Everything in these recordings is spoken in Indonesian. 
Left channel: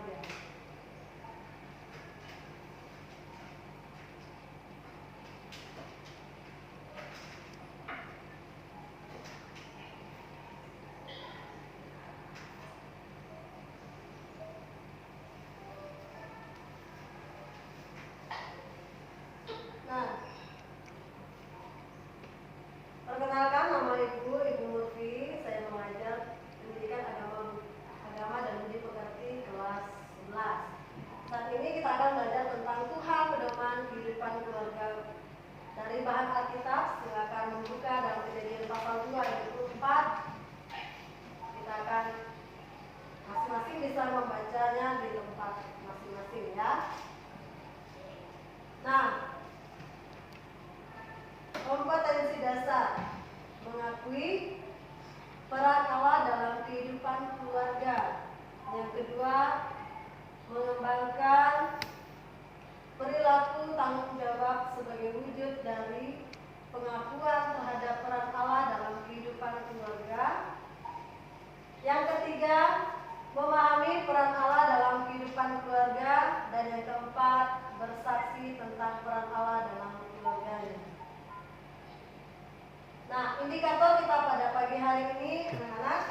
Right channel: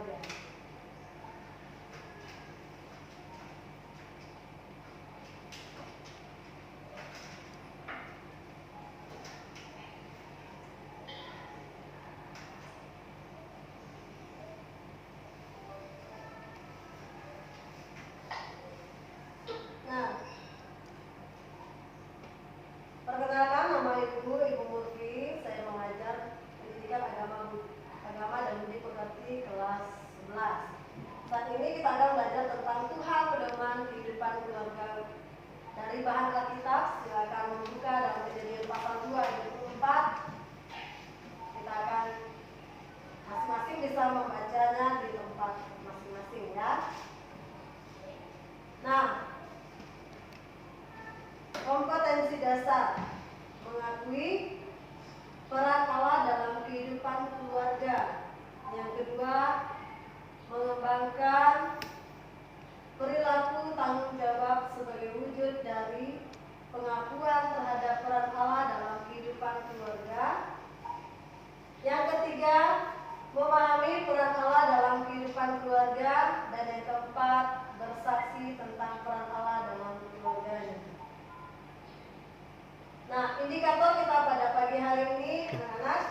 keluarga. Nah, perkenalkan, nama Ibu Murfi. Saya mengajar pendidikan agama dan budi pekerti kelas 11. Saat ini kita akan belajar tentang Tuhan, pedoman kehidupan keluarga dari bahan Alkitab. Silakan membuka dalam Kejadian pasal 2 ayat 24. Kita akan masing-masing bisa membacanya di tempat masing-masing ya. Nah, kompetensi dasar: mengakui peran Allah dalam kehidupan keluarga. Yang kedua, mengembangkan perilaku tanggung jawab sebagai wujud dari pengakuan terhadap peran Allah dalam kehidupan keluarga. Yang ketiga, memahami peran Allah dalam kehidupan keluarga. Dan yang keempat, bersaksi tentang peran Allah dalam keluarganya. Nah, indikator kita pada pagi hari ini, anak-anak,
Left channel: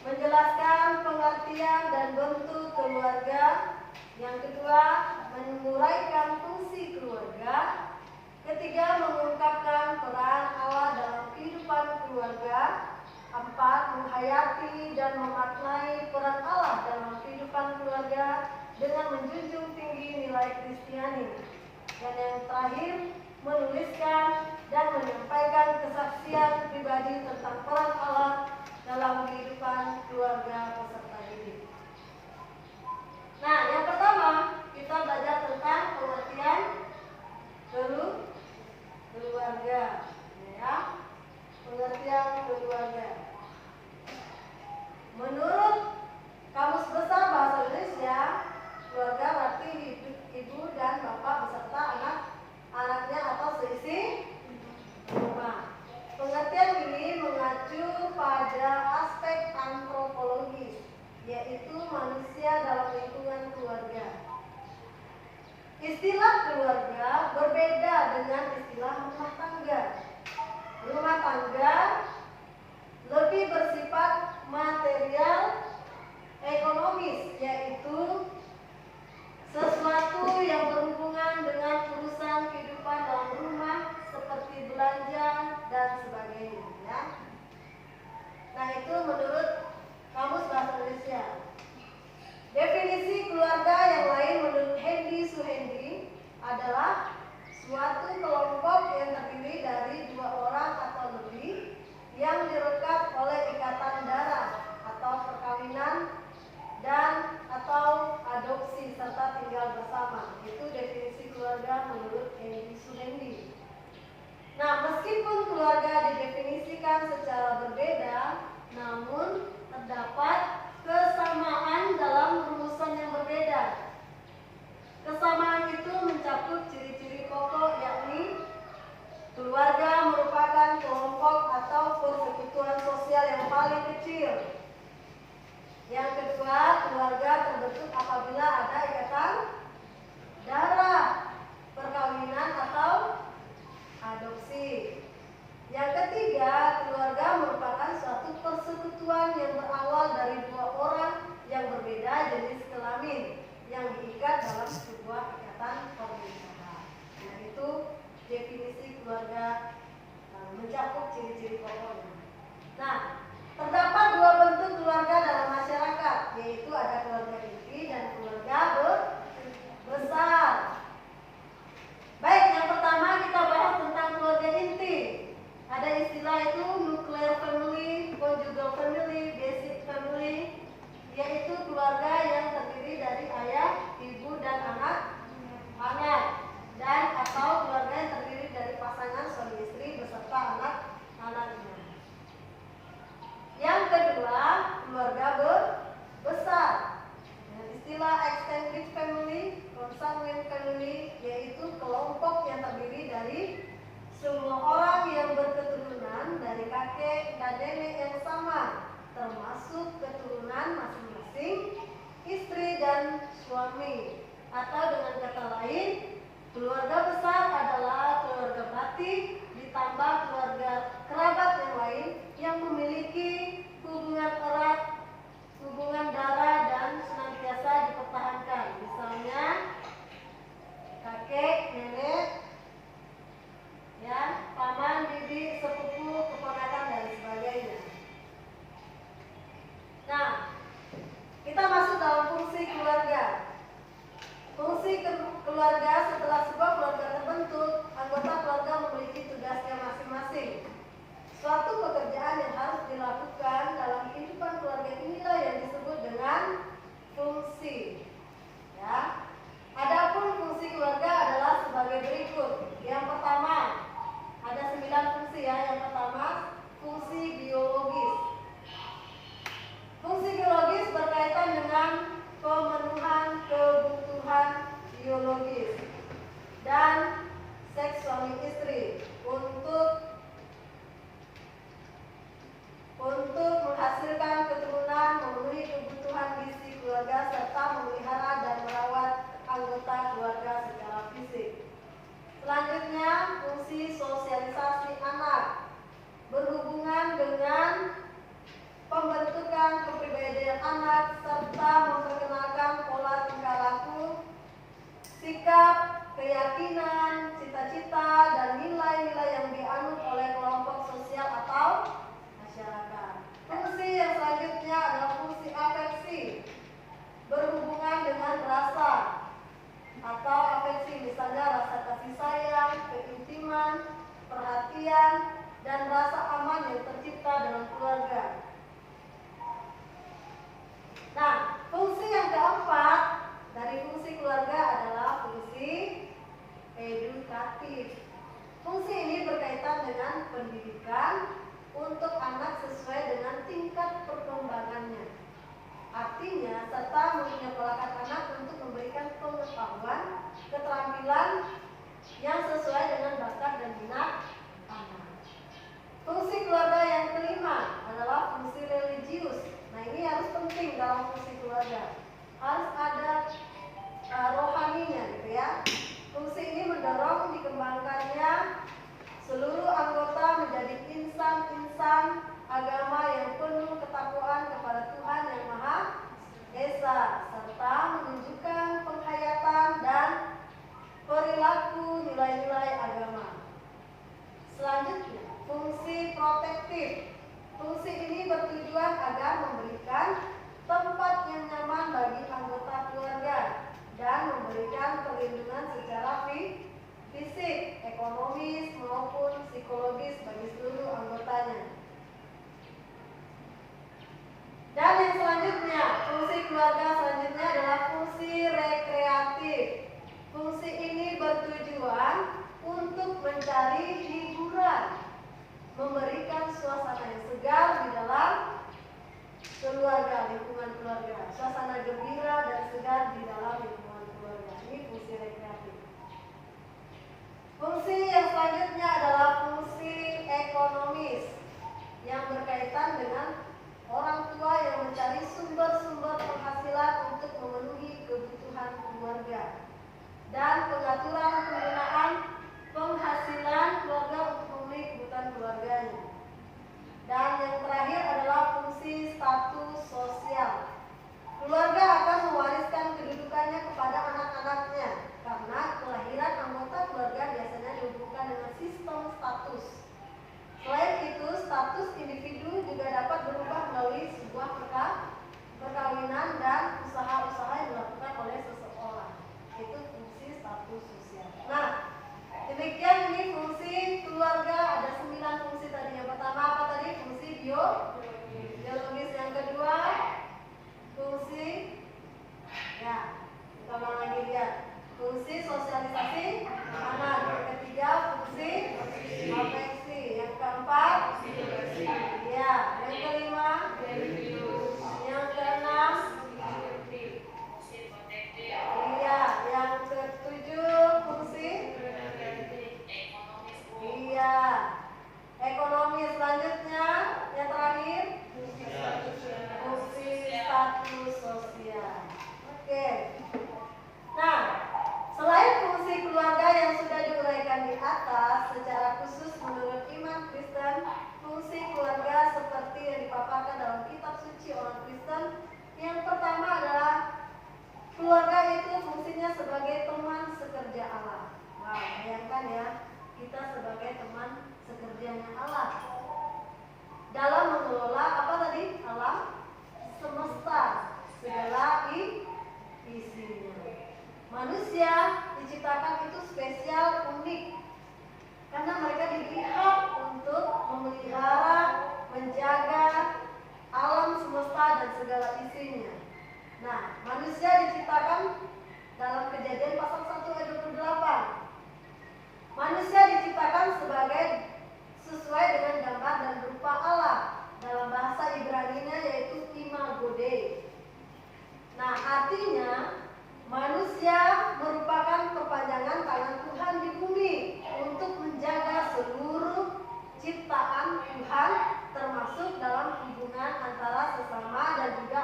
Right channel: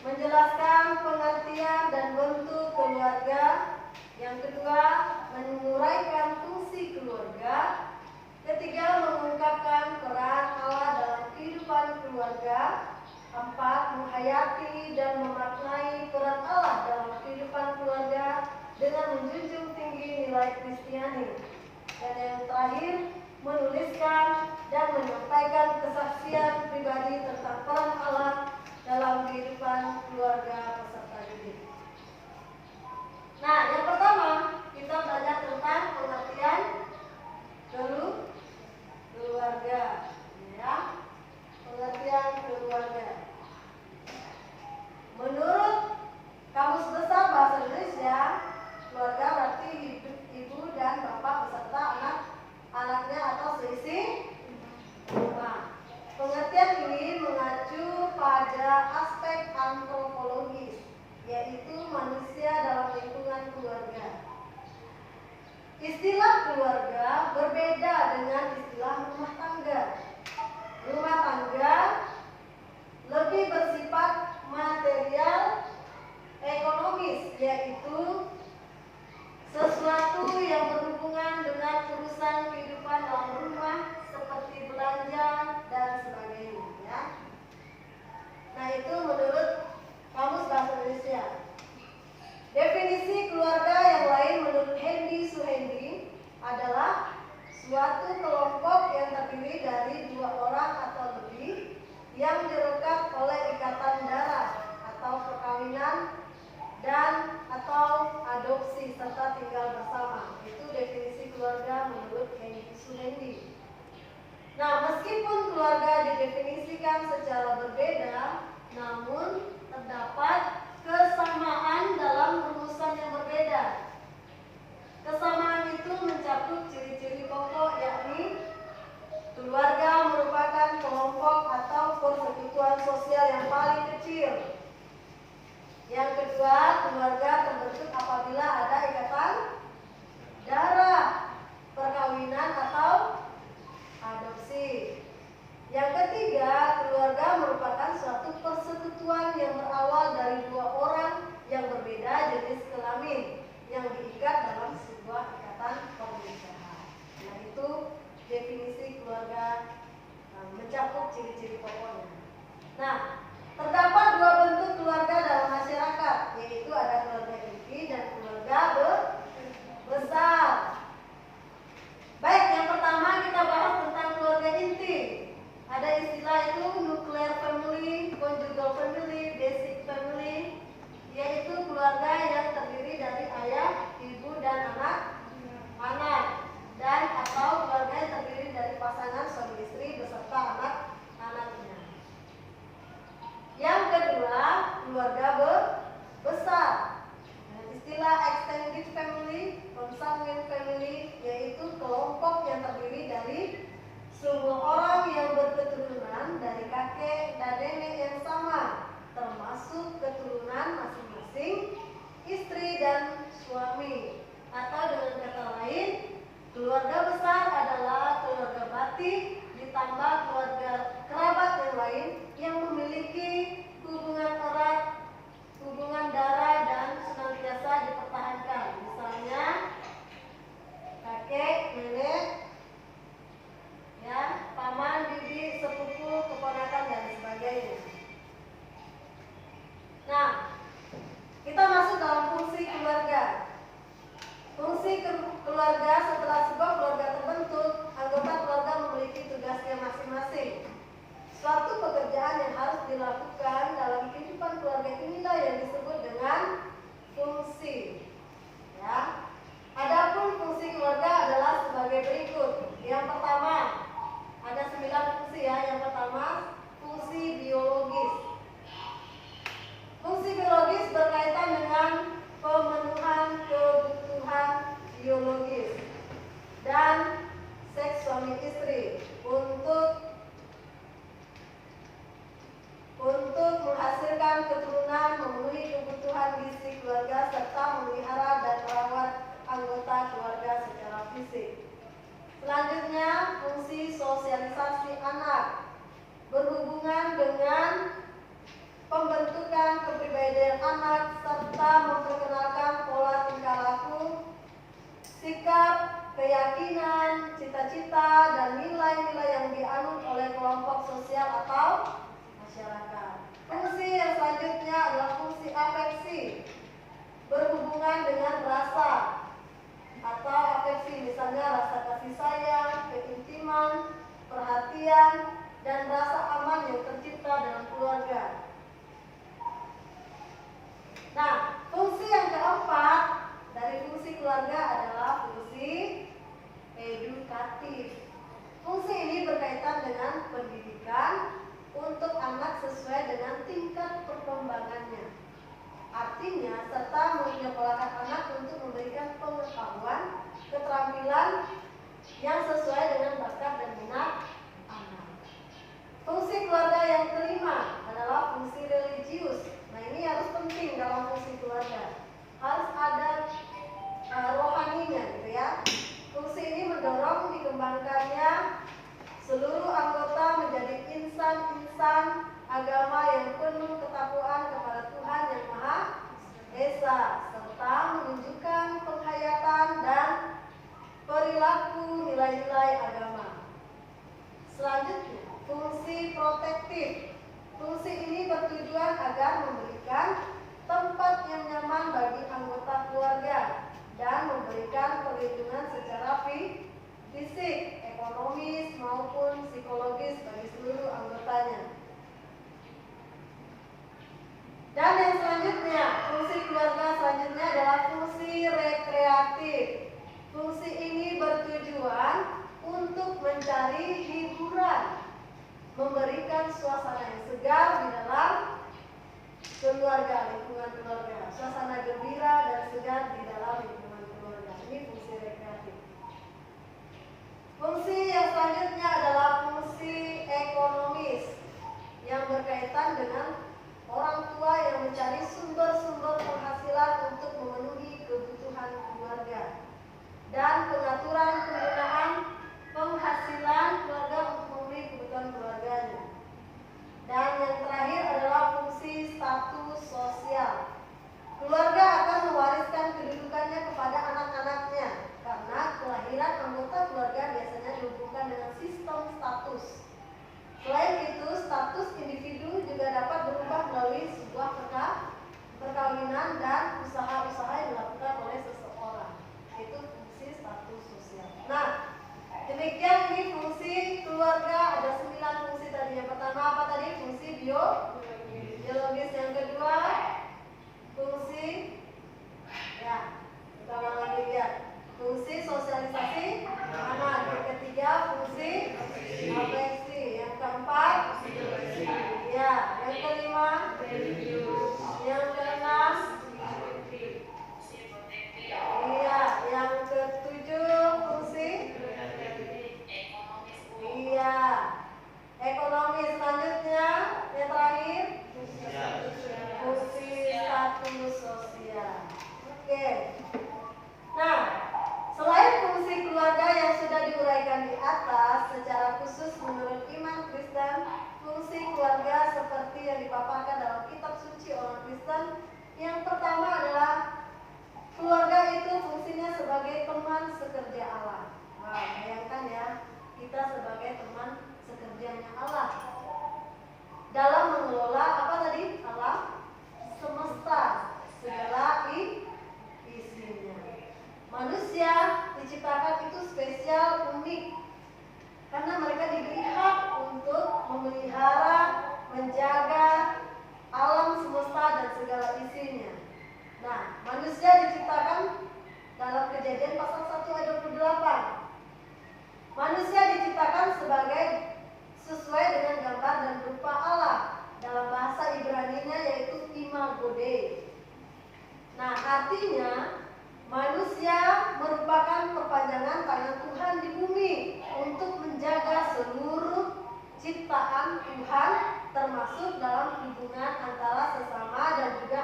menjelaskan pengertian dan bentuk keluarga. Yang kedua, menguraikan fungsi keluarga. Ketiga, mengungkapkan peran Allah dalam kehidupan keluarga. 4, menghayati dan memaknai peran Allah dalam kehidupan keluarga dengan menjunjung tinggi nilai Kristiani. Dan yang terakhir, menuliskan dan menyampaikan kesaksian pribadi tentang peran Allah dalam kehidupan keluarga peserta didik. Nah, yang pertama kita belajar tentang pengertian keluarga, ya. Pengertian keluarga. Menurut Kamus Besar Bahasa Indonesia, keluarga berarti ibu dan bapak beserta anak-anaknya atau seisi rumah. Pengertian ini mengacu pada aspek antropologis, yaitu manusia dalam lingkungan keluarga. Istilah keluarga berbeda dengan istilah rumah tangga. Rumah tangga lebih bersifat material, ekonomis, yaitu sesuatu yang berhubungan dengan urusan kehidupan dalam rumah seperti belanja dan sebagainya, ya. Nah, itu menurut Kamus Bahasa Indonesia. Definisi keluarga yang lain menurut Hendy Suhendi adalah suatu kelompok yang terdiri dari 2 orang atau lebih yang direkat oleh ikatan darah atau perkawinan dan atau adopsi serta tinggal bersama. Itu definisi keluarga menurut Hendy Suhendi. Nah, meskipun keluarga didefinisikan secara berbeda, namun terdapat kesamaan dalam rumusan yang berbeda. Kesamaan itu mencakup ciri-ciri pokok, yakni keluarga merupakan kelompok atau persekutuan sosial yang paling kecil. Yang kedua, keluarga terbentuk apabila ada ikatan darah, perkawinan atau adopsi. Yang ketiga, keluarga merupakan suatu persekutuan yang berawal dari 2 orang yang berbeda jenis kelamin yang diikat dalam sebuah ikatan pernikahan. Nah, itu definisi keluarga mencakup ciri-ciri pokoknya. Nah, terdapat 2 bentuk keluarga dalam masyarakat, yaitu ada keluarga inti dan keluarga besar. Baik, yang pertama kita bahas tentang keluarga inti. Ada istilah itu nuclear family, conjugal family, basic family, yaitu keluarga yang terdiri dari ayah, ibu, dan anak-anak, dan atau keluarga yang terdiri dari pasangan suami istri beserta anak-anaknya. Yang kedua, keluarga besar. Dengan istilah extended family, consanguine family, yaitu kelompok yang terdiri dari semua orang yang berketurunan dari kakek dan nenek yang sama, termasuk keturunan masing-masing istri dan suami. Atau dengan kata lain, keluarga besar adalah keluarga batin ditambah keluarga kerabat yang lain yang memiliki hubungan erat, hubungan darah dan senantiasa dipertahankan. Misalnya kakek, nenek, ya, paman, bibi, sepupu, keponakan dan sebagainya. Nah, kita masuk dalam fungsi keluarga. Fungsi keluarga, setelah sebuah keluarga terbentuk, anggota keluarga memiliki tugasnya masing-masing. Suatu pekerjaan yang harus dilakukan dalam kehidupan keluarga inilah yang disebut dengan fungsi. Ya. Adapun fungsi keluarga adalah sebagai berikut. Yang pertama, ada 9 fungsi ya. Yang pertama, fungsi biologis. Fungsi biologis berkaitan dengan pemenuhan kebutuhan biologis dan seks suami istri untuk menghasilkan keturunan, memenuhi kebutuhan gizi keluarga serta memelihara dan merawat anggota keluarga secara fisik. Selanjutnya, fungsi sosialisasi anak berhubungan dengan pembentukan kepribadian anak serta memperkenalkan pola tingkah laku, sikap, keyakinan, cita-cita, dan nilai-nilai yang dianut oleh kelompok sosial atau masyarakat. Fungsi yang selanjutnya adalah fungsi afeksi, berhubungan dengan rasa atau afeksi, misalnya rasa kasih sayang, keintiman, perhatian, dan rasa aman yang tercipta dalam keluarga. Nah, fungsi yang keempat dari fungsi keluarga adalah fungsi edukatif. Fungsi ini berkaitan dengan pendidikan untuk anak sesuai dengan tingkat perkembangannya. Artinya, serta menyekolahkan anak untuk memberikan pengetahuan, keterampilan yang sesuai dengan bakat dan minat anak. Fungsi keluarga yang kelima adalah fungsi religius. Nah, ini harus penting dalam fungsi keluarga. Harus ada rohaninya gitu ya. Fungsi ini mendorong dikembangkannya seluruh anggota menjadi insan-insan agama yang penuh ketakwaan kepada Tuhan yang Maha Esa, serta menunjukkan penghayatan dan perilaku nilai-nilai agama. Selanjutnya, fungsi protektif. Fungsi ini bertujuan agar memberikan tempat yang nyaman bagi anggota keluarga dan memberikan perlindungan secara fisik, ekonomis maupun psikologis bagi seluruh anggotanya. Dan yang selanjutnya, fungsi keluarga selanjutnya adalah fungsi rekreatif. Fungsi ini bertujuan untuk mencari hiburan, memberikan suasana yang segar di dalam keluarga, lingkungan keluarga, suasana gembira dan segar di dalam lingkungan keluarga. Ini fungsi rekreatif. Fungsi yang selanjutnya adalah fungsi ekonomis yang berkaitan dengan orang tua yang mencari sumber-sumber penghasilan untuk memenuhi kebutuhan keluarga dan pengaturan penggunaan penghasilan keluarga untuk memenuhi kebutuhan keluarganya. Dan yang terakhir adalah fungsi status sosial. Keluarga akan mewariskan kedudukannya kepada anak-anaknya karena kelahiran anggota keluarga biasanya dihubungkan dengan sistem status. Selain itu, status individu juga dapat berubah melalui sebuah perkawinan dan usaha-usaha Yang pertama adalah keluarga itu fungsinya sebagai teman sekerja Allah. Wow, bayangkan ya, kita sebagai teman sekerjanya Allah dalam mengelola apa tadi? Alam semesta, segala isinya. Manusia diciptakan itu spesial, unik, karena mereka diberi hak untuk memelihara, menjaga alam semesta dan segala isinya. Nah, manusia diciptakan dalam Kejadian pasal 1 ayat 28. Manusia diciptakan sesuai dengan gambar dan rupa Allah. Dalam bahasa Ibrani-nya yaitu imago Dei. Nah, artinya manusia merupakan perpanjangan tangan Tuhan di bumi untuk menjaga seluruh ciptaan Tuhan, termasuk dalam hubungan antara sesama dan juga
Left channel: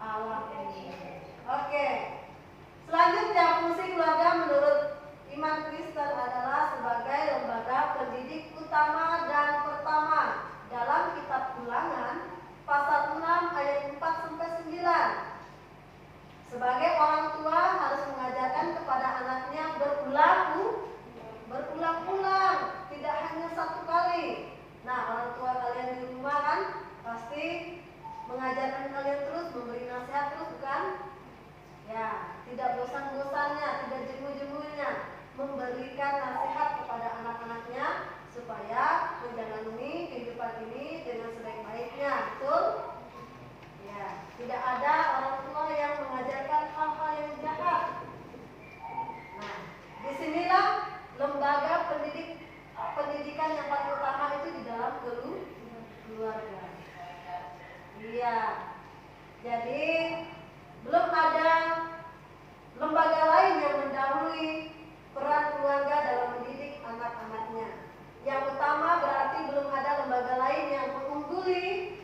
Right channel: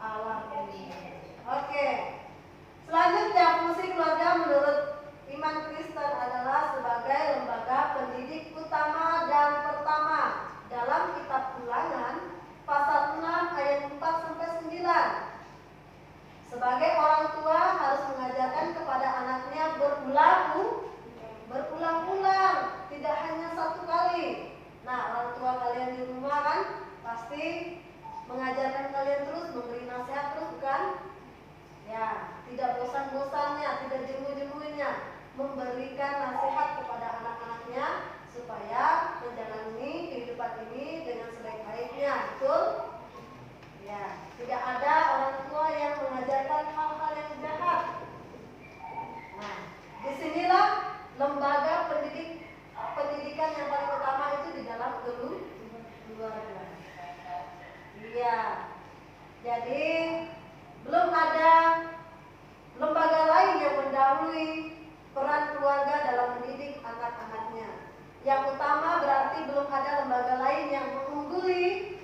alam ini. Oke. Selanjutnya, fungsi keluarga menurut iman Kristen adalah sebagai lembaga pendidik utama dan pertama. Dalam kitab Ulangan pasal 6 ayat 4 sampai 9. Sebagai orang tua harus mengajarkan kepada anaknya berulang-ulang, tidak hanya satu kali. Nah, orang tua kalian di rumah kan pasti mengajarkan kalian terus, memberi nasihat terus, bukan? Ya, tidak bosan-bosannya, tidak jemu-jemunya, memberikan nasihat kepada anak-anaknya supaya menjalani kehidupan ini dengan sebaik-baiknya, betul? Ya, tidak ada orang tua yang mengajarkan hal-hal yang jahat. Nah, disinilah lembaga pendidikan yang paling utama itu di dalam keluarga. Iya, jadi belum ada lembaga lain yang mendahului peran keluarga dalam mendidik anak-anaknya. Yang utama berarti belum ada lembaga lain yang mengungguli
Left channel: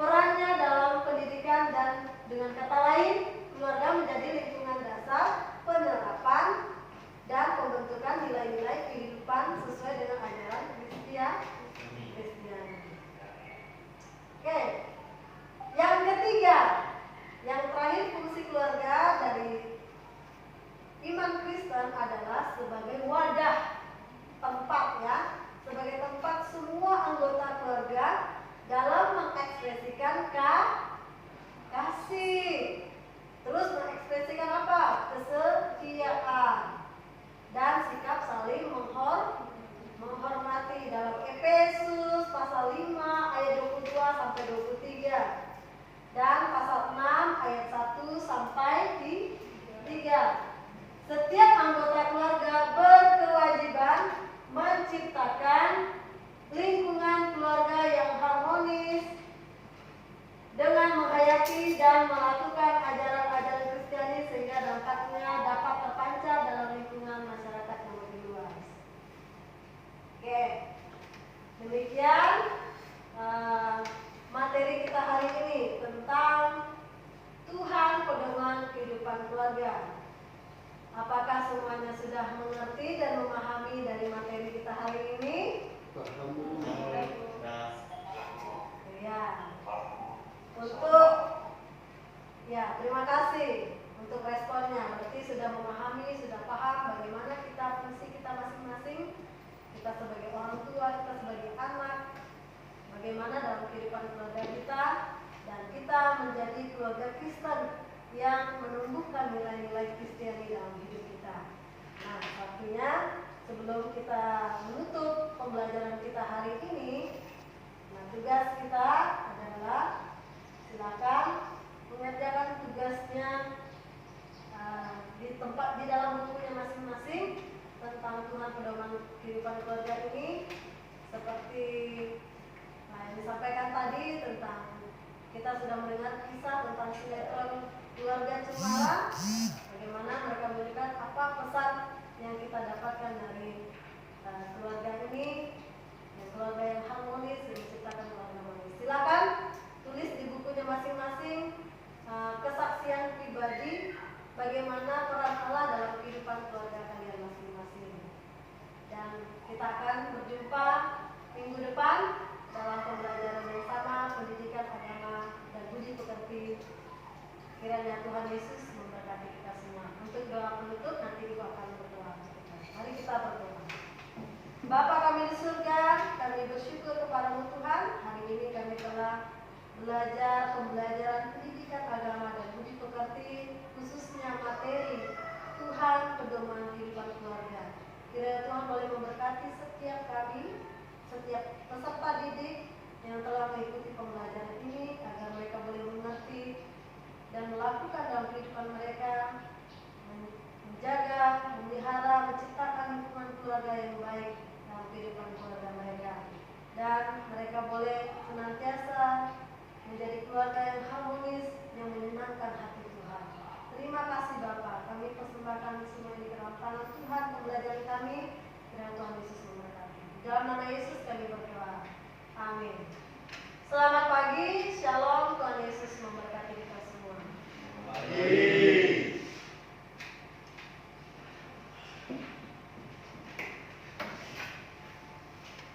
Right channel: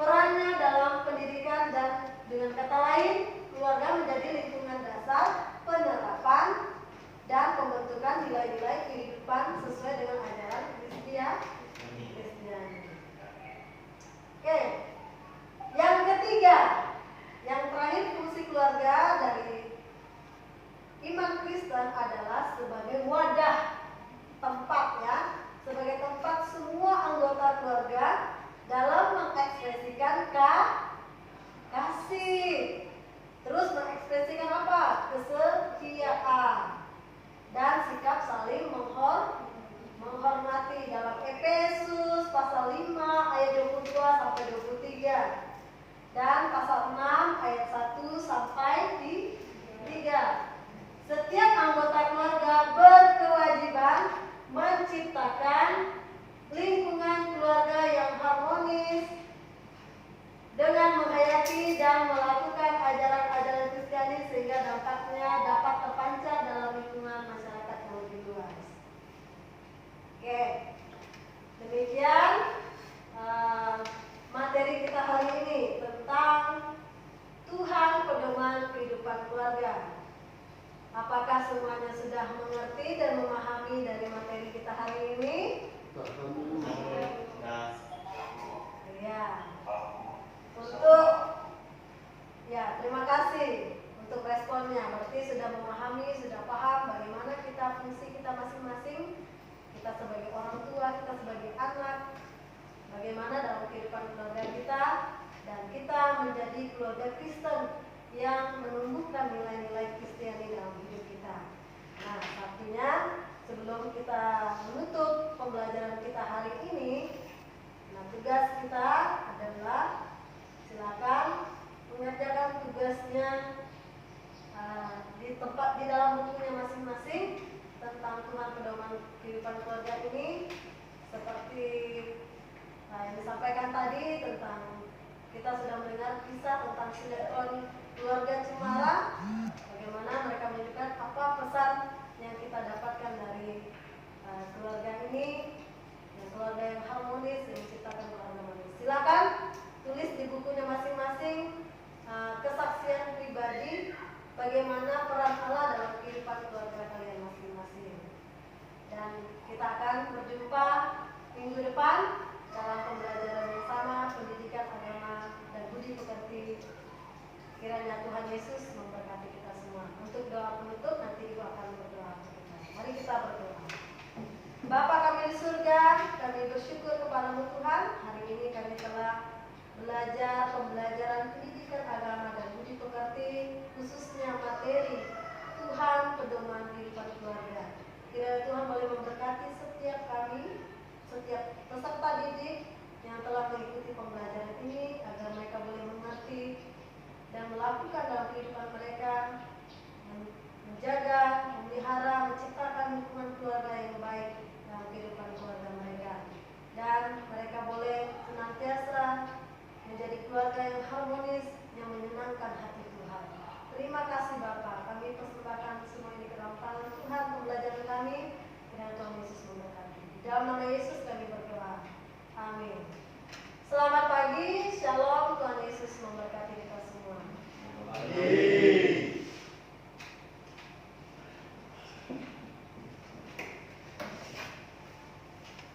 perannya dalam pendidikan, dan dengan kata lain, keluarga menjadi lingkungan dasar penerapan dan pembentukan nilai-nilai kehidupan sesuai dengan ajaran Kristiani. Oke, yang ketiga, yang terakhir, fungsi keluarga dari iman Kristen adalah sebagai wadah, tempat ya, sebagai tempat semua anggota keluarga dalam mengekspresikan kasih, terus mengekspresikan apa? Kesetiaan dan sikap saling menghormati. Dalam Efesus pasal 5 ayat 22 sampai 23 dan pasal 6 ayat 1 sampai 3. Setiap anggota keluarga berkewajiban menciptakan lingkungan keluarga yang harmonis dengan menghayati dan melakukan ajaran-ajaran Kristiani sehingga dampaknya dapat terpancar dalam lingkungan masyarakat yang lebih luas. Oke, demikian materi kita hari ini tentang Tuhan pedoman kehidupan keluarga. Apakah semuanya sudah mengerti dan memahami dari materi kita hari ini? Ya. Terima kasih untuk responnya. Berarti sudah memahami, sudah paham bagaimana fungsi kita masing-masing. Kita sebagai orang tua, kita sebagai anak, bagaimana dalam kehidupan keluarga kita, dan kita menjadi keluarga Kristen yang menumbuhkan nilai-nilai Kristiani dalam hidup kita. Nah, satunya sebelum kita menutup pembelajaran kita hari ini, nah tugas kita adalah silakan mengerjakan tugasnya di dalam bukunya masing-masing tentang Tuhan pedoman kehidupan keluarga ini, seperti yang disampaikan tadi tentang kita sudah mendengar kisah tentang sinetron keluarga Cemara, bagaimana mereka menunjukkan apa pesan yang kita dapatkan dari keluarga ini, keluarga yang harmonis yang diciptakan oleh Allah. Silakan tulis di bukunya masing-masing kesaksian pribadi bagaimana peran Allah dalam kehidupan keluarga kalian masing-masing. Dan kita akan berjumpa minggu depan dalam pembelajaran yang sama, pendidikan agama dan budaya. Budi pekerti. Kiranya Tuhan Yesus memberkati kita semua. Untuk doa penutup nanti Ibu akan berdoa untuk kita. Mari kita berdoa. Bapa kami di surga, kami bersyukur kepadamu Tuhan. Hari ini kami telah belajar pembelajaran pendidikan agama dan budi pekerti, khususnya materi Tuhan pedoman kehidupan keluarga. Kiranya Tuhan boleh memberkati setiap kami, setiap peserta didik yang telah mengikuti pembelajaran ini, agar mereka boleh mengerti dan melakukan dalam kehidupan mereka, menjaga, memelihara, menciptakan lingkungan keluarga yang baik dalam kehidupan keluarga mereka, dan mereka boleh senantiasa menjadi keluarga yang harmonis, yang menyenangkan hati Tuhan. Terima kasih Bapa, kami persembahkan semua ini ke dalam tangan Tuhan pembelajaran kami. Kiranya Tuhan Yesus memberkati. Dalam nama Yesus kami berdoa. Amin. Selamat pagi, shalom, Tuhan Yesus memberkati kita semua. Amin.